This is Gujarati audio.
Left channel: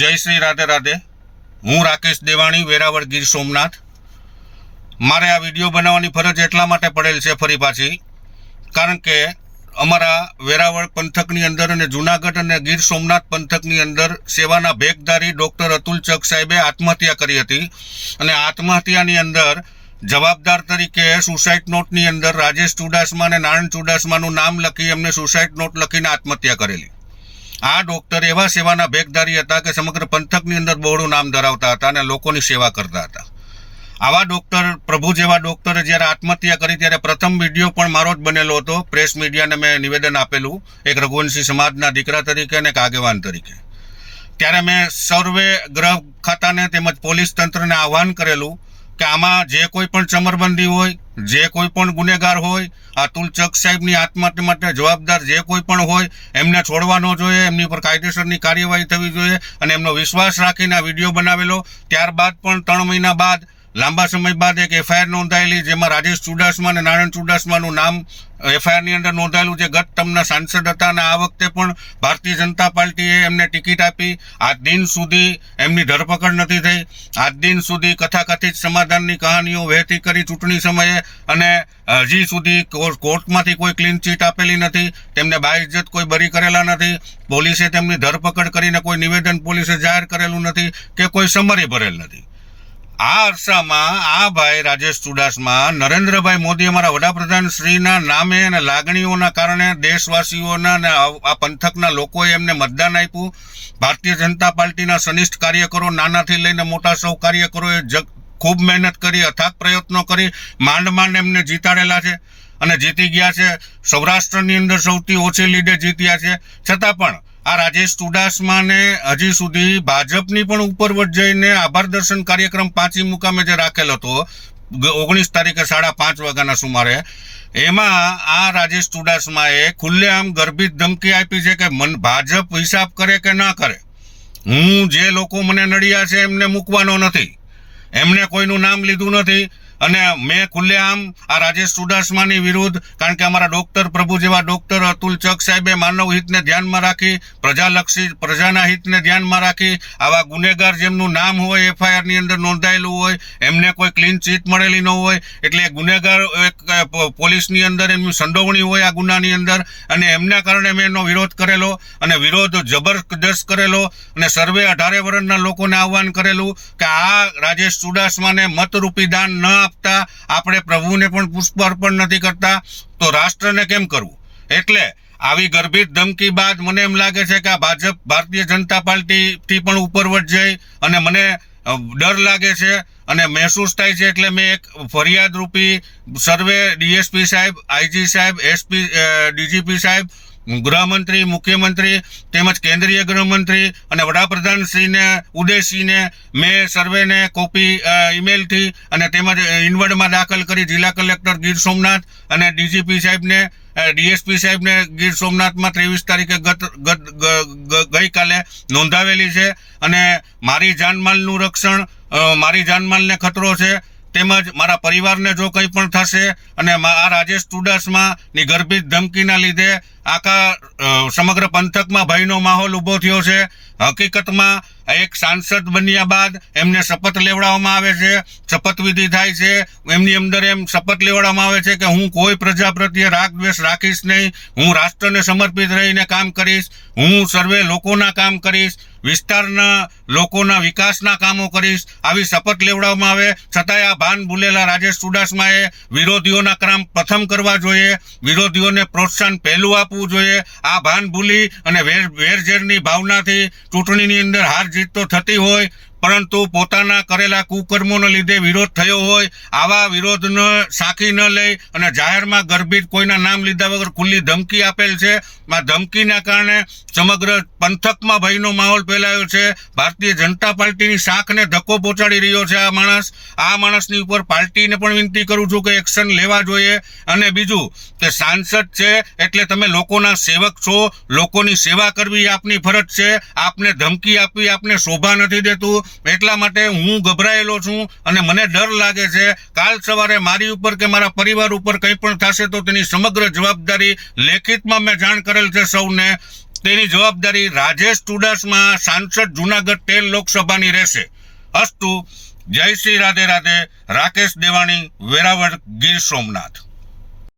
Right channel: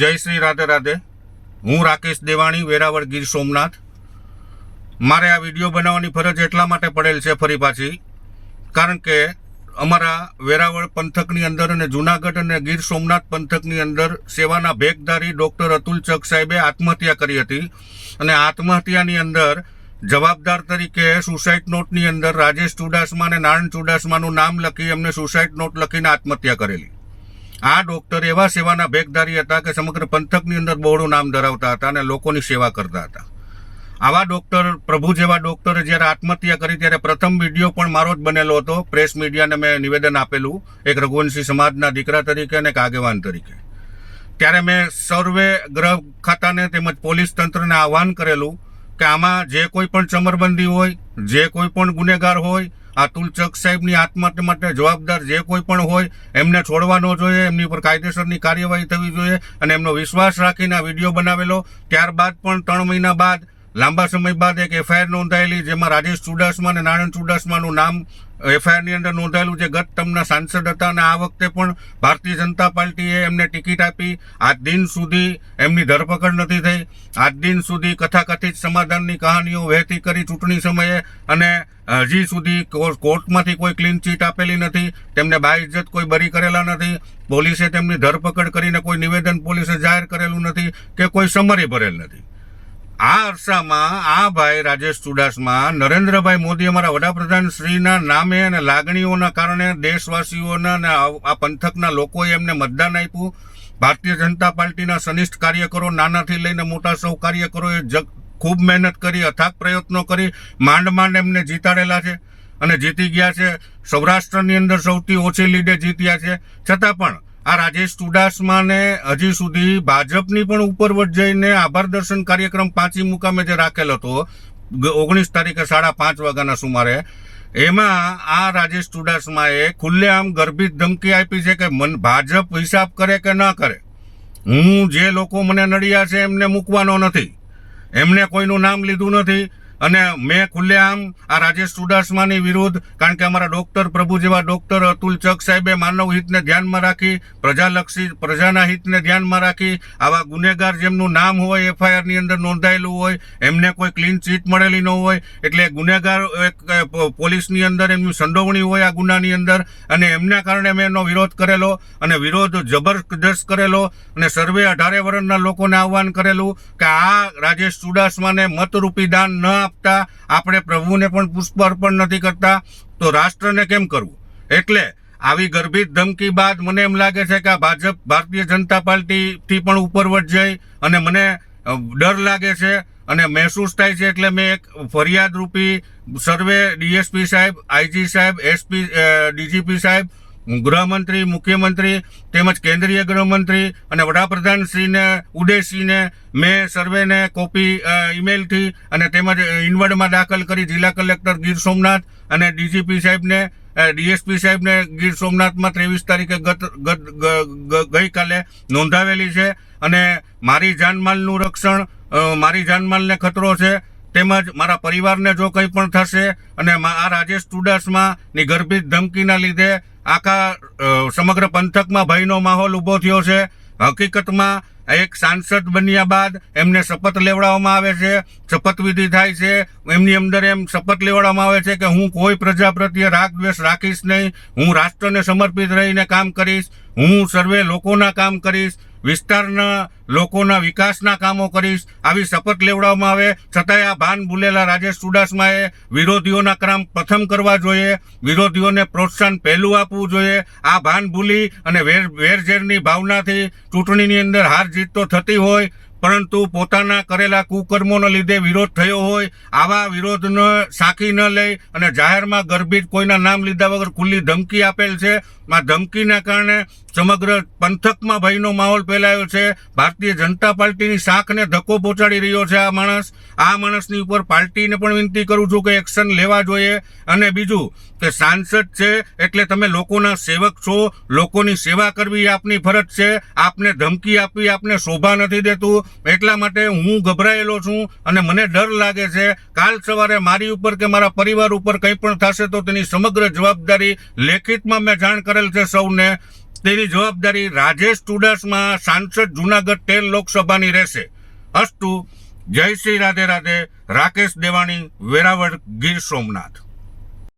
જય શ્રી રાધે રાધે. હું રાકેશ દેવાણી, વેરાવળ, ગીર સોમનાથ. મારે આ વિડીયો બનાવવાની ફરજ એટલા માટે પડેલ છે ફરી પાછી, કારણ કે અમારા વેરાવળ પંથકની અંદર અને જુનાગઢ અને ગીર સોમનાથ પંથકની અંદર સેવાના ભેખધારી ડૉક્ટર અતુલ ચક સાહેબે આત્મહત્યા કરી હતી. અને આત્મહત્યાની અંદર જવાબદાર તરીકે સુસાઇડ નોટની અંદર રાજેશ ચુડાસમા અને નારાયણ ચુડાસમાનું નામ લખી એમને સુસાઇડ નોટ લખીને આત્મહત્યા કરેલી. આ ડૉક્ટર એવા સેવાના ભેખધારી હતા કે સમગ્ર પંથકની અંદર બહોળું નામ ધરાવતા હતા અને લોકોની સેવા કરતા હતા. આવા ડૉક્ટર, પ્રભુ જેવા ડૉક્ટરે જ્યારે આત્મહત્યા કરી ત્યારે પ્રથમ વિડીયો પણ મારો જ બનેલો હતો. પ્રેસ મીડિયાને મેં નિવેદન આપેલું, એક રઘુવંશી સમાજના દીકરા તરીકે અને એક આગેવાન તરીકે. ત્યારે મેં સર્વે ગૃહ ખાતાને તેમજ પોલીસ તંત્રને આહ્વાન કરેલું કે આમાં જે કોઈ પણ ચમરબંધી હોય, જે કોઈ પણ ગુનેગાર હોય, અતુલ ચક સાહેબની આત્મહત્યા માટે જવાબદાર જે કોઈ પણ હોય એમને છોડવા ન જોઈએ, એમની પર કાયદેસરની કાર્યવાહી થવી જોઈએ. અને એમનો વિશ્વાસ રાખીને આ વિડીયો બનાવેલો. ત્યારબાદ પણ 3 મહિના બાદ, લાંબા સમય બાદ એક એફઆઈઆર નોંધાયેલી, જેમાં રાજેશ ચુડાસમા અને નારાયણ ચુડાસમાનું નામ એફઆઈઆરની અંદર નોંધાયેલું, જે ગત ટર્મના સાંસદ હતા. અને આ વખતે પણ ભારતીય જનતા પાર્ટીએ એમને ટિકિટ આપી. આજ દિન સુધી એમની ધરપકડ નથી થઈ. આજ દિન સુધી કથાકથિત સમાધાનની કહાનીઓ વહેતી કરી ચૂંટણી સમયે, અને હજી સુધી કોર્ટમાંથી કોઈ ક્લીન ચીટ આપેલી નથી. તેમને બાઇજ્જત કોઈ બરી કરેલા નથી. પોલીસે તેમની ધરપકડ કરીને કોઈ નિવેદન પોલીસે જાહેર કરેલું નથી કે કોઈ સમરી ભરેલ નથી. આ અરસામાં આ ભાઈ રાજેશ ચુડાસમા નરેન્દ્રભાઈ મોદી, અમારા વડાપ્રધાન શ્રીના નામે અને લાગણીઓના કારણે દેશવાસીઓના અને આ પંથકના લોકોએ એમને મતદાન આપ્યું. ભારતીય જનતા પાર્ટીના સનિષ્ઠ કાર્યકરો, નાનાથી લઈને મોટા સૌ કાર્યકરોએ ખૂબ મહેનત કરી, અથાગ પ્રયત્નો કરી, માંડ એમને જીતાડેલા છે અને જીતી ગયા છે. સૌરાષ્ટ્રની અંદર સૌથી ઓછી લીડે જીત્યા છે. છતાં પણ આ રાજેશ ચુડાસમાને હજી સુધી ભાજપની પણ ઉપરવટ જઈને આભાર દર્શન કાર્યક્રમ 5મી મુકામે જે રાખેલો હતો 19 તારીખે 5:30 વાગ્યાના સુમારે, એમાં આ રાજેશ ચુડાસમાએ ખુલ્લેઆમ ગર્ભિત ધમકી આપી છે કે ભાજપ હિસાબ કરે કે ન કરે, હું જે લોકો મને નડ્યા છે એમને મૂકવાનો નથી. એમને કોઈનું નામ લીધું નથી. અને મેં ખુલ્લેઆમ આ રાજેશ ચુડાસમાની વિરુદ્ધ, કારણ કે અમારા ડૉક્ટર, પ્રભુ જેવા ડૉક્ટર અતુલ ચક સાહેબે માનવ હિતને ધ્યાનમાં રાખી, પ્રજાલક્ષી, પ્રજાના હિતને ધ્યાનમાં રાખી, આવા ગુનેગાર જેમનું નામ હોય એફઆઈઆરની અંદર નોંધાયેલું હોય, એમને કોઈ ક્લીન ચીટ મળેલી ન હોય, એટલે ગુનેગાર પોલીસની અંદર એમની સંડોવણી હોય આ ગુનાની અંદર, અને એમના કારણે મેં એનો વિરોધ કરેલો અને વિરોધ જબરદસ્ત કરેલો. અને સર્વે 18 વર્ષના લોકોને આહ્વાન કરેલું કે આ રાજેશ ચુડાસમાને મતરૂપી દાન ન આપતા, આપણે પ્રભુને પણ પુષ્પ અર્પણ નથી કરતા, તો રાષ્ટ્રને કેમ કરવું? એટલે આવી ગર્ભિત ધમકી બાદ મને એમ લાગે છે કે આ ભાજપ, ભારતીય જનતા પાર્ટીથી પણ ઉપરવટ જઈ અને મને ડર લાગે છે અને મહેસૂસ થાય છે. એટલે મેં એક ફરિયાદ રૂપી સર્વે ડીએસપી સાહેબ, આઈજી સાહેબ, એસપી, ડીજીપી સાહેબ, ગૃહમંત્રી, મુખ્યમંત્રી તેમજ કેન્દ્રીય ગૃહમંત્રી અને વડાપ્રધાનશ્રીને ઉદ્દેશીને મેં સર્વેને કોપી ઈમેલથી અને તેમજ ઇનવર્ડમાં દાખલ કરી જિલ્લા કલેક્ટર ગીર સોમનાથ અને ડીજીપી સાહેબને, ડીએસપી સાહેબને ગીર સોમનાથમાં 23 તારીખે ગઈકાલે નોંધાવેલી છે. અને મારી જાનમાલનું રક્ષણ, મારી જાનમાલને ખતરો છે, તેમજ મારા પરિવારને જો કંઈ પણ થશે, અને આ રાજેશ ચુડાસમાની ગર્ભિત ધમકીના લીધે આખા સમગ્ર પંથકમાં ભયનો માહોલ ઊભો થયો છે. હકીકતમાં એક સાંસદ બન્યા બાદ એમને શપથ લેવડાવવામાં આવે છે, શપથવિધિ થાય છે, એમની અંદર એમ શપથ લેવડાવવામાં આવે છે કે હું કોઈ પ્રજા પ્રત્યે રાગ દ્વેષ રાખીશ નહીં, હું રાષ્ટ્રને સમર્પિત રહીને કામ કરીશ, હું સર્વે લોકોના કામ કરીશ, વિસ્તારના લોકોના વિકાસના કામો કરીશ, આવી શપથ લેવડાવવામાં આવે. છતાંય આ ભાન ભૂલેલા રાજેશ ચુડાસમાએ વિરોધીઓના કામ પ્રથમ કરવા જોઈએ, વિરોધીઓને પ્રોત્સાહન પહેલું આપવું જોઈએ. આ ભાન ભૂલી અને વેરઝેરની ભાવનાથી ચૂંટણીની અંદર હાર જીત તો થતી હોય, પરંતુ પોતાના કરેલા કુકર્મોના લીધે વિરોધ થયો હોય, આવા વિરોધને સાંખી ન લઈ અને જાહેરમાં ગર્ભિત કોઈના નામ લીધા વગર ખુલ્લી ધમકી આપેલ છે. આ ધમકીના કારણે સમગ્ર પંથકમાં ભયનો માહોલ ફેલાયો છે. ભારતીય જનતા પાર્ટીની શાખને ધક્કો પહોંચાડી રહ્યો છે આ માણસ. આ માણસની ઉપર પાર્ટીને પણ વિનંતી કરું છું કે એક્શન લેવા જોઈએ. અને બીજું કે સાંસદ છે એટલે તમે લોકોના સેવક છો, લોકોની સેવા કરવી આપની ફરજ છે. આપને ધમકી આપવી આપને શોભા નથી દેતું. એટલા માટે હું ગભરાયેલો છું અને મને ડર લાગે છે કાલ સવારે મારી ઉપર કે મારા પરિવાર ઉપર કંઈ પણ થશે તો તેની સમગ્ર જવાબદારી લેખિતમાં મેં જાણ કરેલ છે સૌને, તેની જવાબદારી રાજેશ ચુડાસમા સાંસદ જુનાગઢ 13 લોકસભાની રહેશે. અસ્તુ. જય શ્રી રાધે રાધે. રાકેશ દેવાણી, વેરાવળ, ગીર સોમનાથ.